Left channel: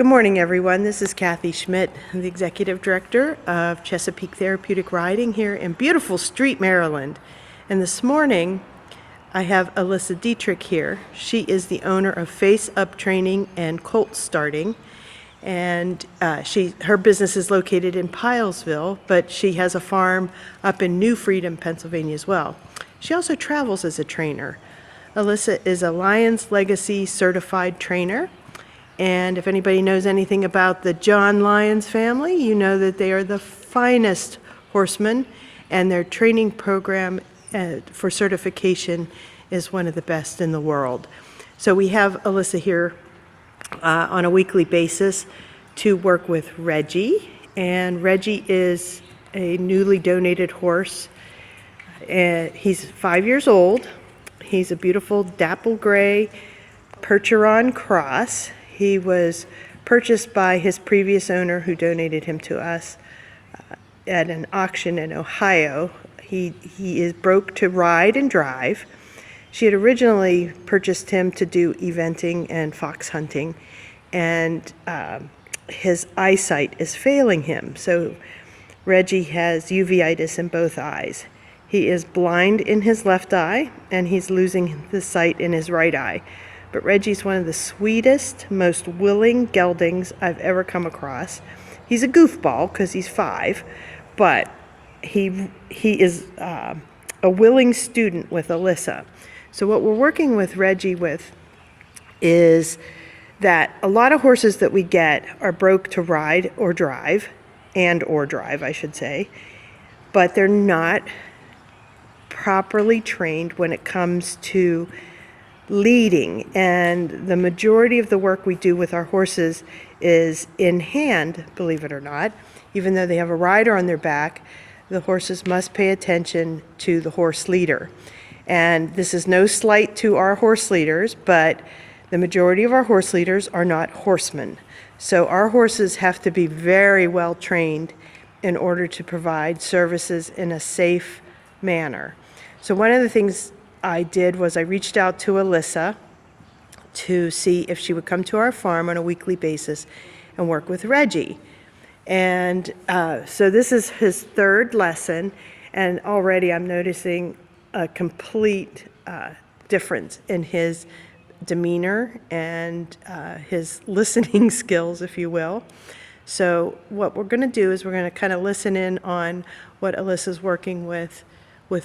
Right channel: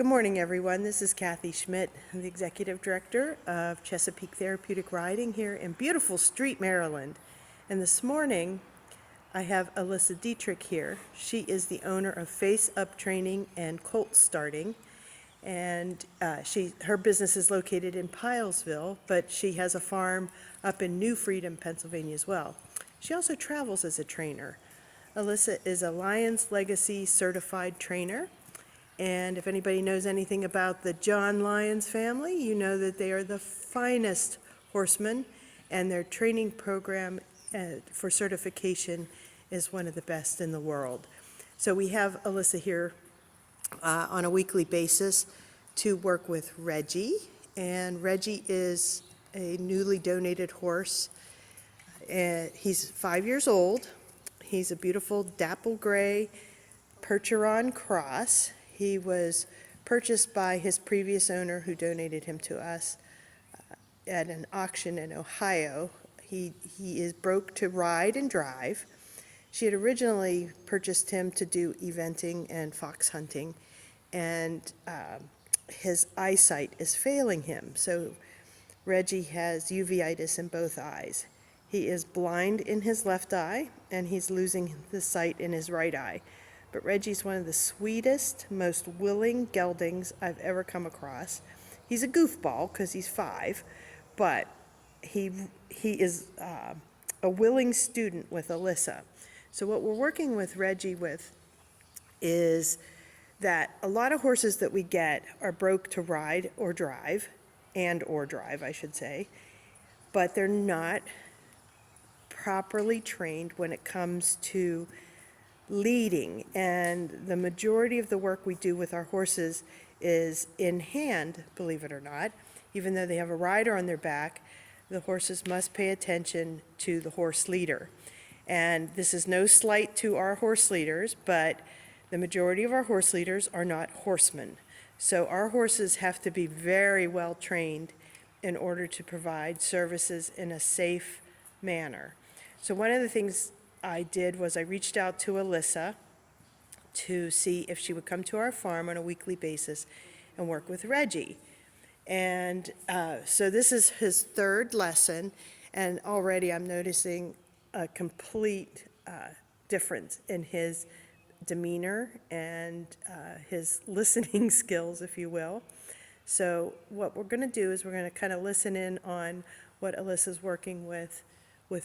Good morning, everyone. This is Kathy Schmidt, the Executive Director of Chesapeake Therapeutic Riding here in beautiful Street, Maryland. And this morning, I have Alyssa Dietrich here. She is the owner of Face Up Training and Colt Starting. And her business is located in Pilesville, but she has a farm up in New Freedom, Pennsylvania as well. She also travels as a trainer. Alyssa is a Lions Legacy certified trainer. And if anybody knows anything about the John Lyons family, you know that they are the finest horsemen, and their training program for certification is one of the best in the world. So we have Alyssa here on a weekly basis to work with Reggie, and Reggie is a newly donated horse. He's 5 years old. He's a beautiful dapple gray Percheron cross. He was purchased by his previous owner who donated him to us at an auction in Ohio. He is broke to ride and drive. She had originally purchased him to do eventing and fox hunting, and his eyesight is failing him. So Reggie has uveitis in both eyes. He is blind in his left eye, and he's losing the sight in his right eye. But Reggie's one of the sweetest, most willing geldings I've ever come across. He's a goofball because he's 5, but he is a willing student with Alyssa. So what we're working with Reggie with is that a lot of horses that we get are broke to ride or drive, I should say, but they're not properly trained when it comes to leading, and the majority of the work we do with our horses is in hand, believe it or not. Even though they have a rider on their back, the horses must pay attention to the horse leader. And this is no slight to our horse leaders, but the majority of our horse leaders are not horsemen. So our horses have to be very well trained in order to provide services in a safe manner. So one of the things I did was I reached out to Alyssa to see if she would come to our farm on a weekly basis and work with Reggie. And so this is his 3rd lesson, and already I'm noticing a complete difference in his demeanor and his listening skills, if you will. So what we're going to do is we're going to kind of listen in on what Alyssa's working with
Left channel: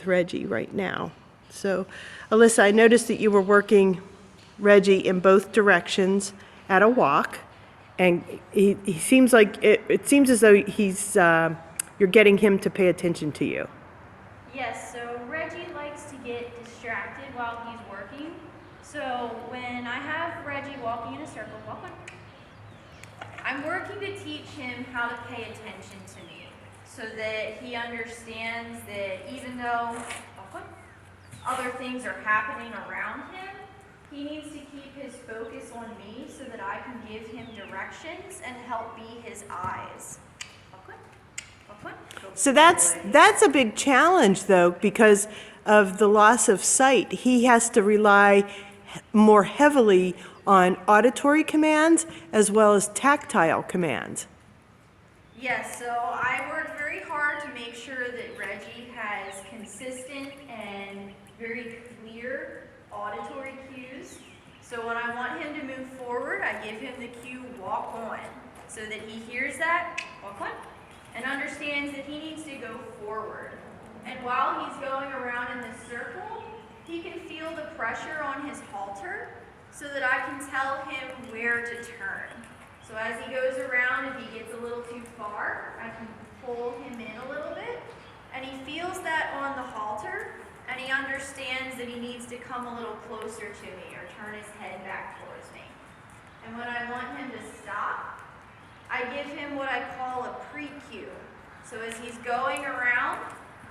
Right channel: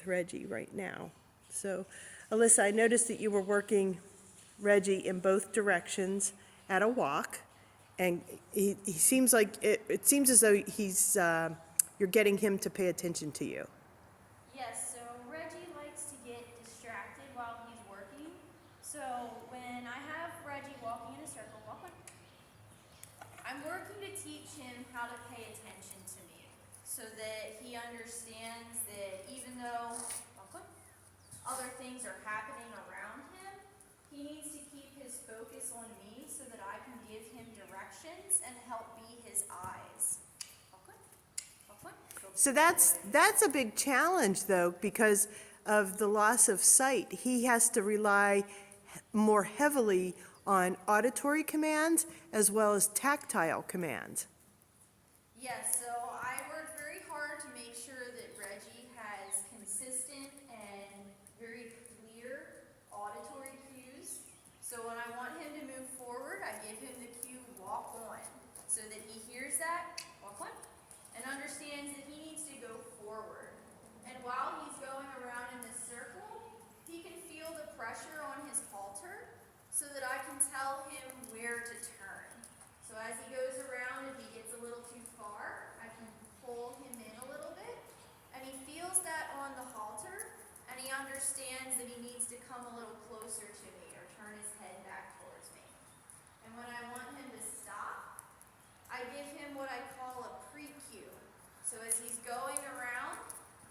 Reggie right now. So, Alyssa, I noticed that you were working Reggie in both directions at a walk, and he seems like it seems as though you're getting him to pay attention to you. Yes, so Reggie likes to get distracted while he's working. So when I have Reggie walking in a circle, I'm working to teach him how to pay attention to me so that he understands that even though other things are happening around him, he needs to keep his focus on me so that I can give him directions and help be his eyes. So that's a big challenge, though, because of the loss of sight. He has to rely more heavily on auditory commands as well as tactile commands. Yes, so I worked very hard to make sure that Reggie has consistent and very clear auditory cues. So when I want him to move forward, I give him the cue walk on, so that he hears that, walk on, and understands that he needs to go forward. And while he's going around in this circle, he can feel the pressure on his halter so that I can tell him where to turn. So as he goes around, if he gets a little too far, I can pull him in a little bit, and he feels that on the halter, and he understands that he needs to come a little closer to me or turn his head back towards me. And when I want him to stop, I give him what I call a pre-cue. So as he's going around,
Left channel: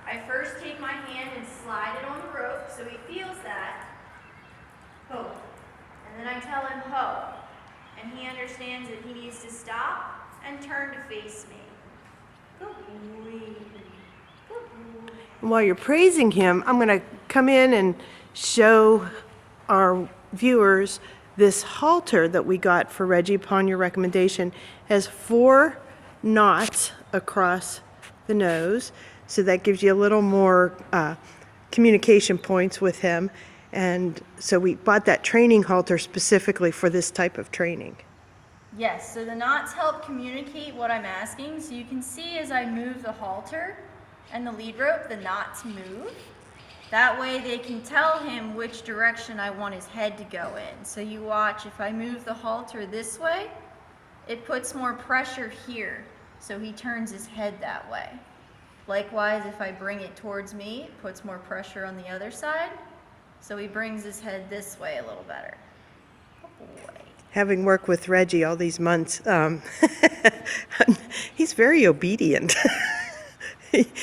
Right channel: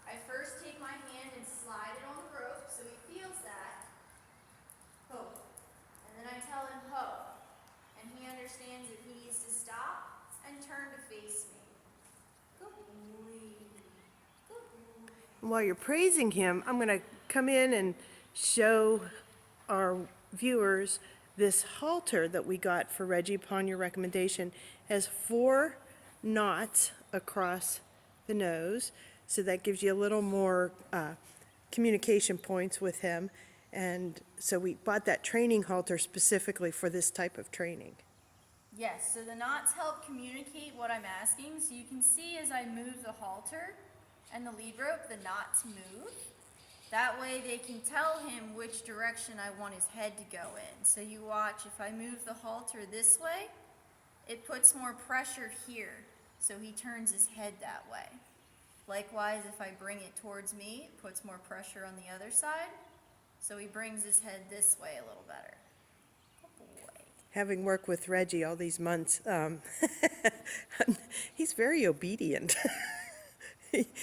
I first take my hand and slide it on the rope so he feels that. Ho. And then I tell him ho. And he understands that he needs to stop and turn to face me. Good boy. Good boy. While you're praising him, I'm going to come in and show our viewers This halter that we got for Reggie upon your recommendation has 4 knots across the nose, so that gives you a little more communication points with him. And so we bought that training halter specifically for this type of training. Yes, so the knots help communicate what I'm asking. So you can see as I move the halter and the lead rope, the knots move. That way they can tell him which direction I want his head to go in. So you watch, if I move the halter this way, it puts more pressure here, so he turns his head that way. Likewise, if I bring it towards me, it puts more pressure on the other side, so he brings his head this way a little better. Good boy. Having worked with Reggie all these months, he's very obedient.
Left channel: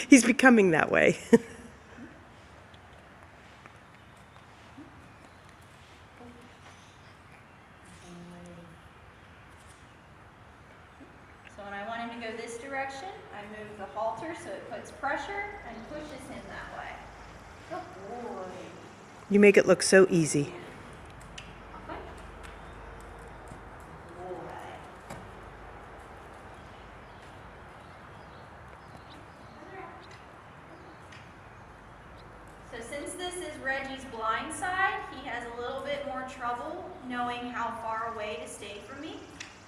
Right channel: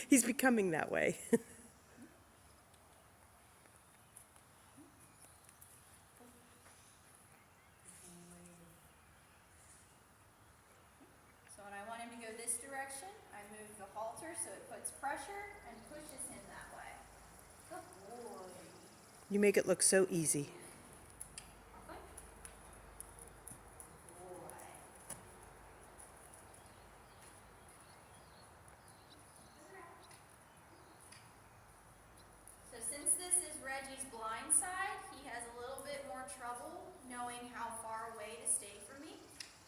He's becoming that way. So when I want him to go this direction, I move the halter so it puts pressure and pushes him that way. Good boy. You make it look so easy. So since this is Reggie's blind side, he has a little bit more trouble knowing how far away to stay from me.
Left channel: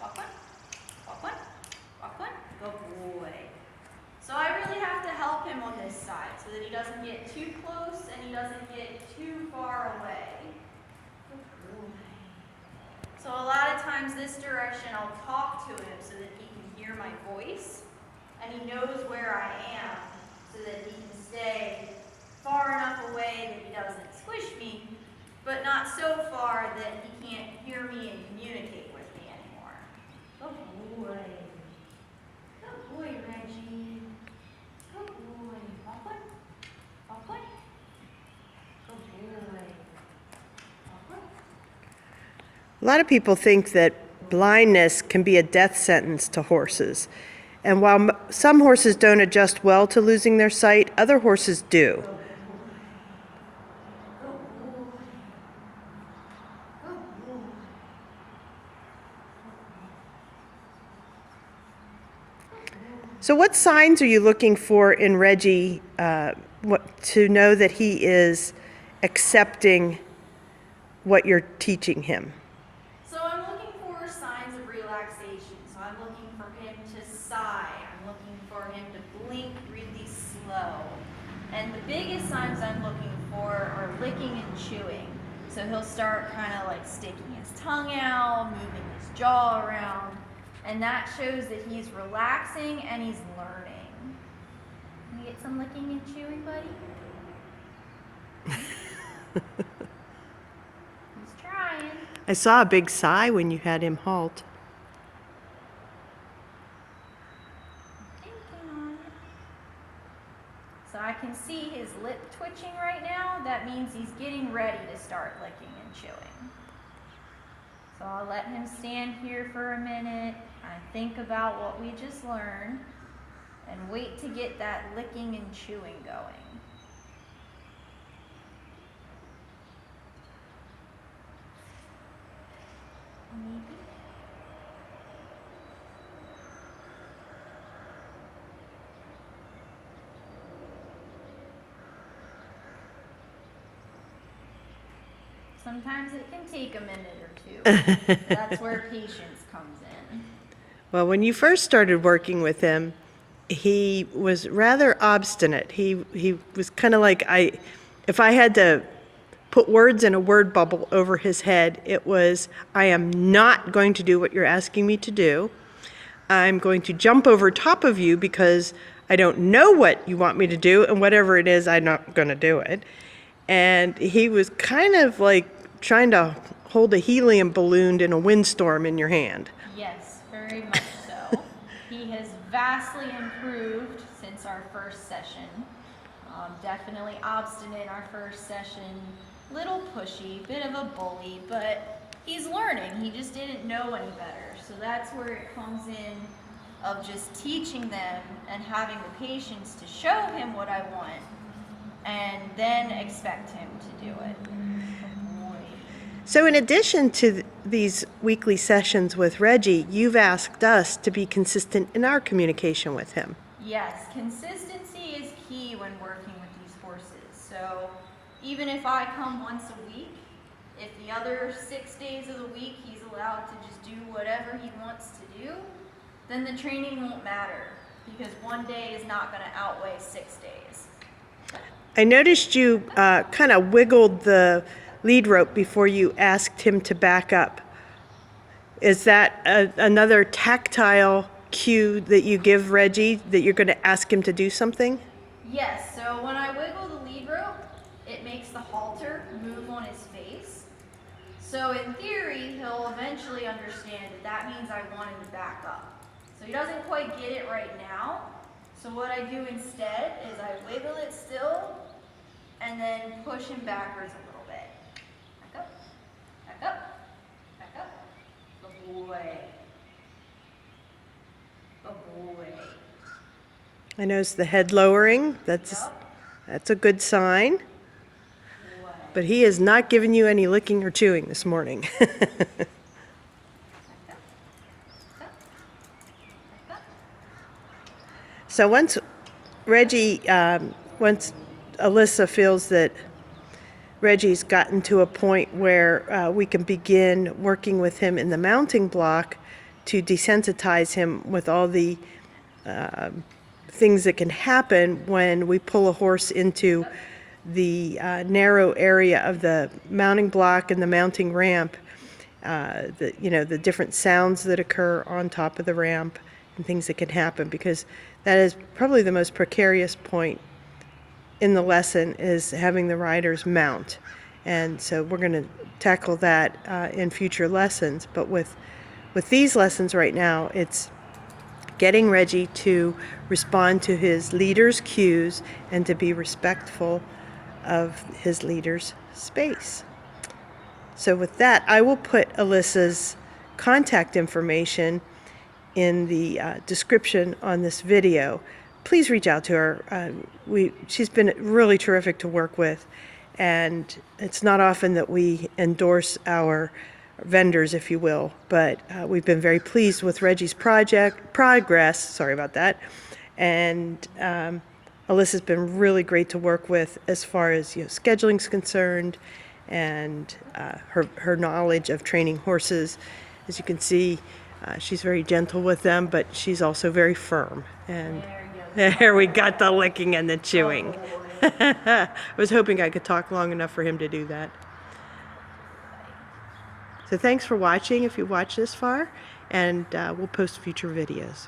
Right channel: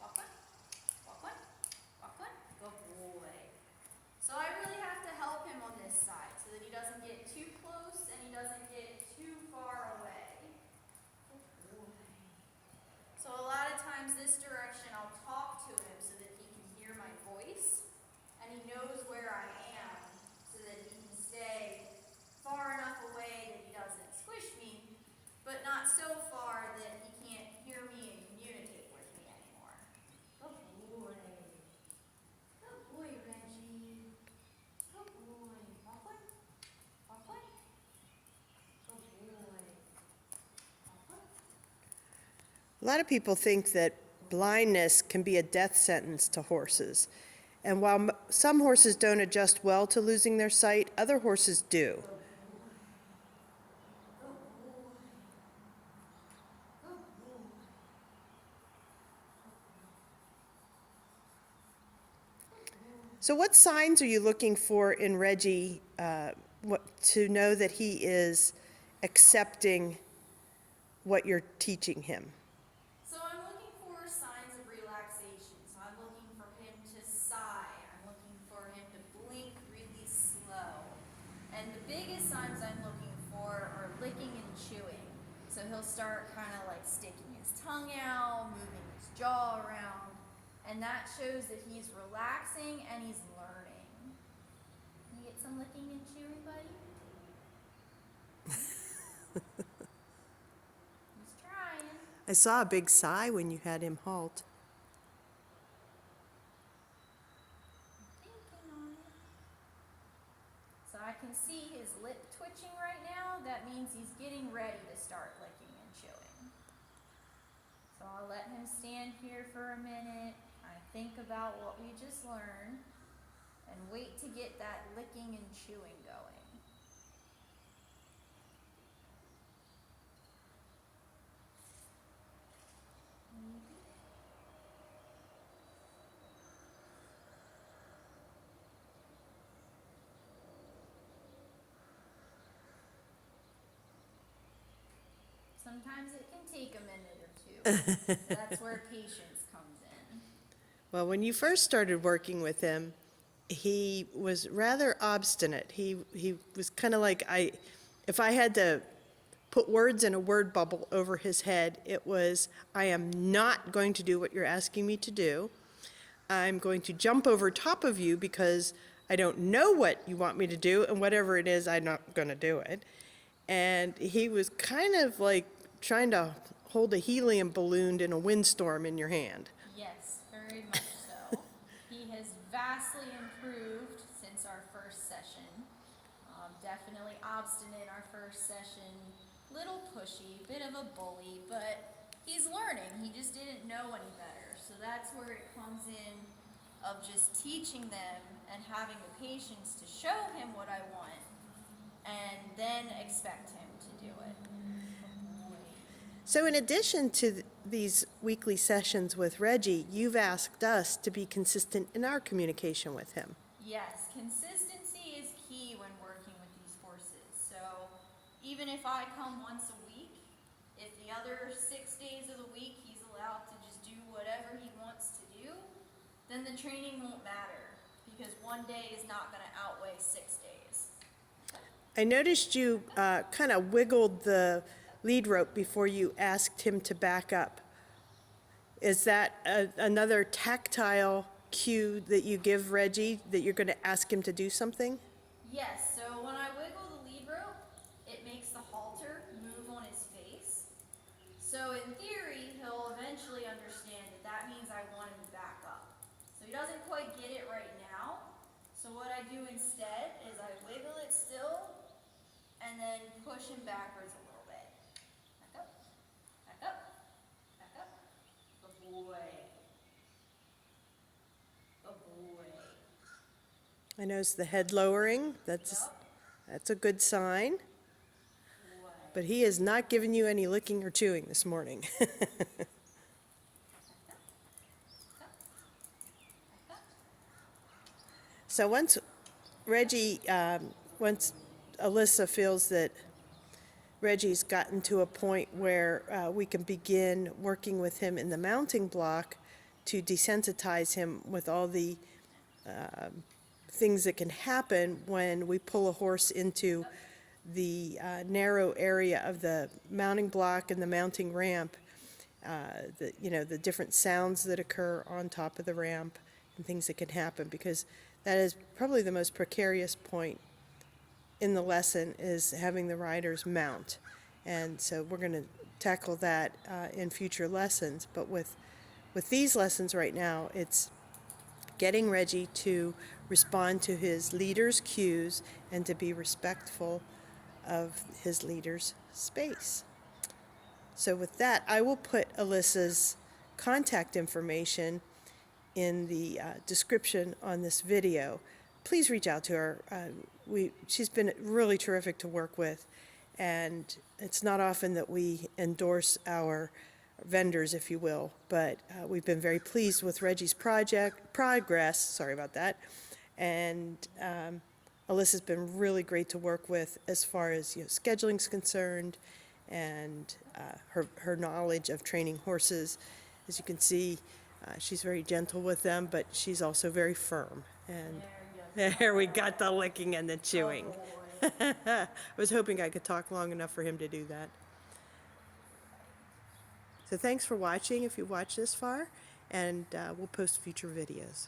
Walk one, walk one, walk one. Good boy. So I really have to help him on this side so that he doesn't get too close and he doesn't get too far away. Good boy. So a lot of times this direction I'll talk to him so that he can hear my voice and he knows where I am so that he can stay far enough away that he doesn't squish me, but not so far that he can't hear me and communicate with me anymore. Good boy. Good boy, Reggie. Good boy. Walk one. Walk one. Good boy. Walk one. A lot of people think that blindness can be a death sentence to horses. And while some horses don't adjust well to losing their sight, other horses do. So what signs are you looking for in Reggie to know that he is accepting what you're teaching him? So I'm looking for signs of relaxation. So I'm looking for him to sigh. I'm looking for him to blink really slow. And the biggest signs I'm looking for are licking and chewing. So he'll start kind of like sticking his tongue out, moving his jaw around. And that shows that he's relaxing and he's learning. Can you get some licking and chewing, buddy? He's trying. I saw a big sigh when you had him halt. Thinking on it. So I can see his lip twitching right now. That means he's getting ready to start licking and chewing. So I'll let him stand here for a minute. I think about what we just learned and wait to get that licking and chewing going. Maybe. Sometimes it can take a minute or two. That's where patience comes in. Well, when you first started working with him, he was rather obstinate. He was kind of like, if I had to put words in a word bubble over his head, it was, I am not going to do what you're asking me to do. I'm going to jump over top of you because I don't know what you want me to do, and whatever it is, I'm not going to do it. And he was kind of like trying to hold a helium balloon in a windstorm in your hand. Yes, very much so. He has vastly improved since our first session. Definitely obstinate our first session, little pushy, bit of a bully, but he's learning. He just didn't know any better. So that's where it comes in of just teaching them and having the patience to show him what I want and then expect him to do it. So in addition to these weekly sessions with Reggie, you've asked us to be consistent in our communication with him. Yes, consistency is key when working with these horses. So even if I come once a week, if the other 6 days of the week he's allowed to just do whatever he wants to do, then the training won't matter because one day is not going to outweigh 6 days. I noticed you kind of wiggled the lead rope before you asked him to back up. Is that another tactile cue that you give Reggie that you're going to ask him to do something? Yes, so when I wiggle the lead rope, it makes the halter move on his face. So in theory, he'll eventually understand that that means I want him to back up. So he doesn't quite get it right now. So what I do instead is I wiggle it still and then push him backwards a little bit. Back up, back up, back up. Good boy. Good boy. I notice the head lowering. That's a good sign. But he is not giving you any licking or chewing this morning. So once Alyssa feels that Reggie's gotten to a point where we can begin working with him in the mounting block to desensitize him with all the things that can happen when we pull a horse into the narrow area of the mounting block and the mounting ramp, the different sounds that occur on top of the ramp and things that can happen, because that is probably the most precarious point in the lesson, is having the riders mount. And so we're going to tackle that in future lessons. But with these lessons right now, it's getting Reggie to respond to his leader's cues and to be respectful of his leader's space. So with that, I will put Alyssa's contact information in the description on this video. Please reach out to her. She's been really terrific to work with, and it's not often that we endorse our vendors, if you will, but we've been very pleased with Reggie's progress. Sorry about that. And Alyssa's been really great to work with as far as scheduling's concerned, and her knowledge of training horses. As you can see, she's very gentle with them, but she's also very firm. And there we got the licking and the chewing. I was hoping I could talk long enough for him to do that. So thanks for watching if you watched this far, and we'll post future videos.